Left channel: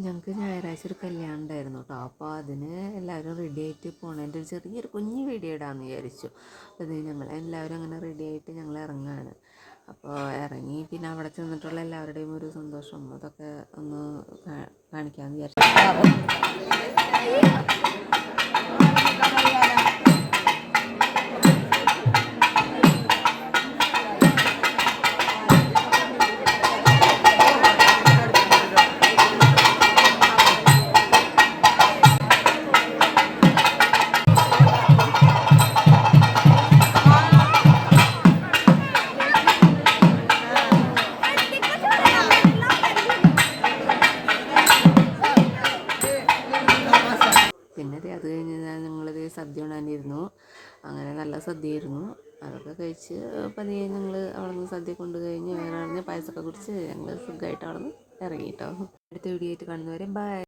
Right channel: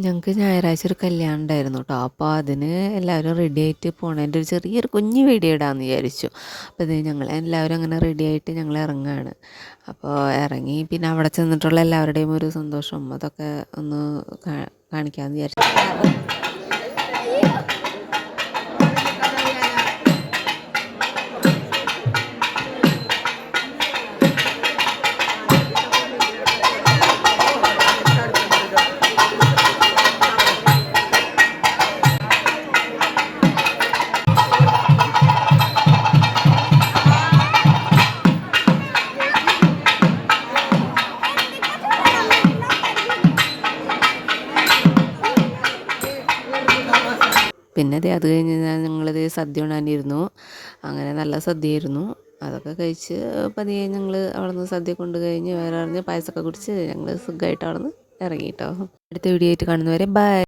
ഞങ്ങൾക്ക് ഞായറാഴ്ച ഒരു കല്യാണം ഉണ്ടായിരുന്നു കേട്ടോ. അപ്പോൾ അതിന് എല്ലാവരും റെഡി ആയിട്ട് പോണതിൻ്റെ ഒരു ചെറിയൊരു കുഞ്ഞു വീഡിയോ ഇടാമെന്ന് വിചാരിച്ചു. അപ്പോൾ ഇത് ഞങ്ങൾ എല്ലാവരും അങ്ങനെ റെഡി ആയിട്ട് ഞങ്ങൾ ഇറങ്ങുകയാണ്. അപ്പോൾ ഇറങ്ങി പിന്നെ അവിടെ ചെന്നിട്ടുള്ള എല്ലാവരുടെയും ഒരു സന്തോഷം അതൊക്കെ ഒന്ന് കാണിക്കാമെന്ന് വിചാരിച്ചു. പിന്നെ അത് കഴിഞ്ഞ് ഞങ്ങളത് സദ്യ ഉണ്ണാനിരുന്നു. അങ്ങനെ നല്ല സദ്യയായിരുന്നു. അതൊക്കെ കഴിച്ച് പതിയെ ഞങ്ങൾ അവിടെ നിന്ന് സദ്യ കൊണ്ട് കഴിഞ്ഞ് വേറെ പറഞ്ഞ് പായസമൊക്കെ കുടിച്ച് ഞങ്ങൾ സുഖമായിട്ട് അവിടെ നിന്ന് ഇറങ്ങി കേട്ടോ. അടുത്ത വീഡിയോ ആയിട്ട് കാണുന്നവരെ ബൈ.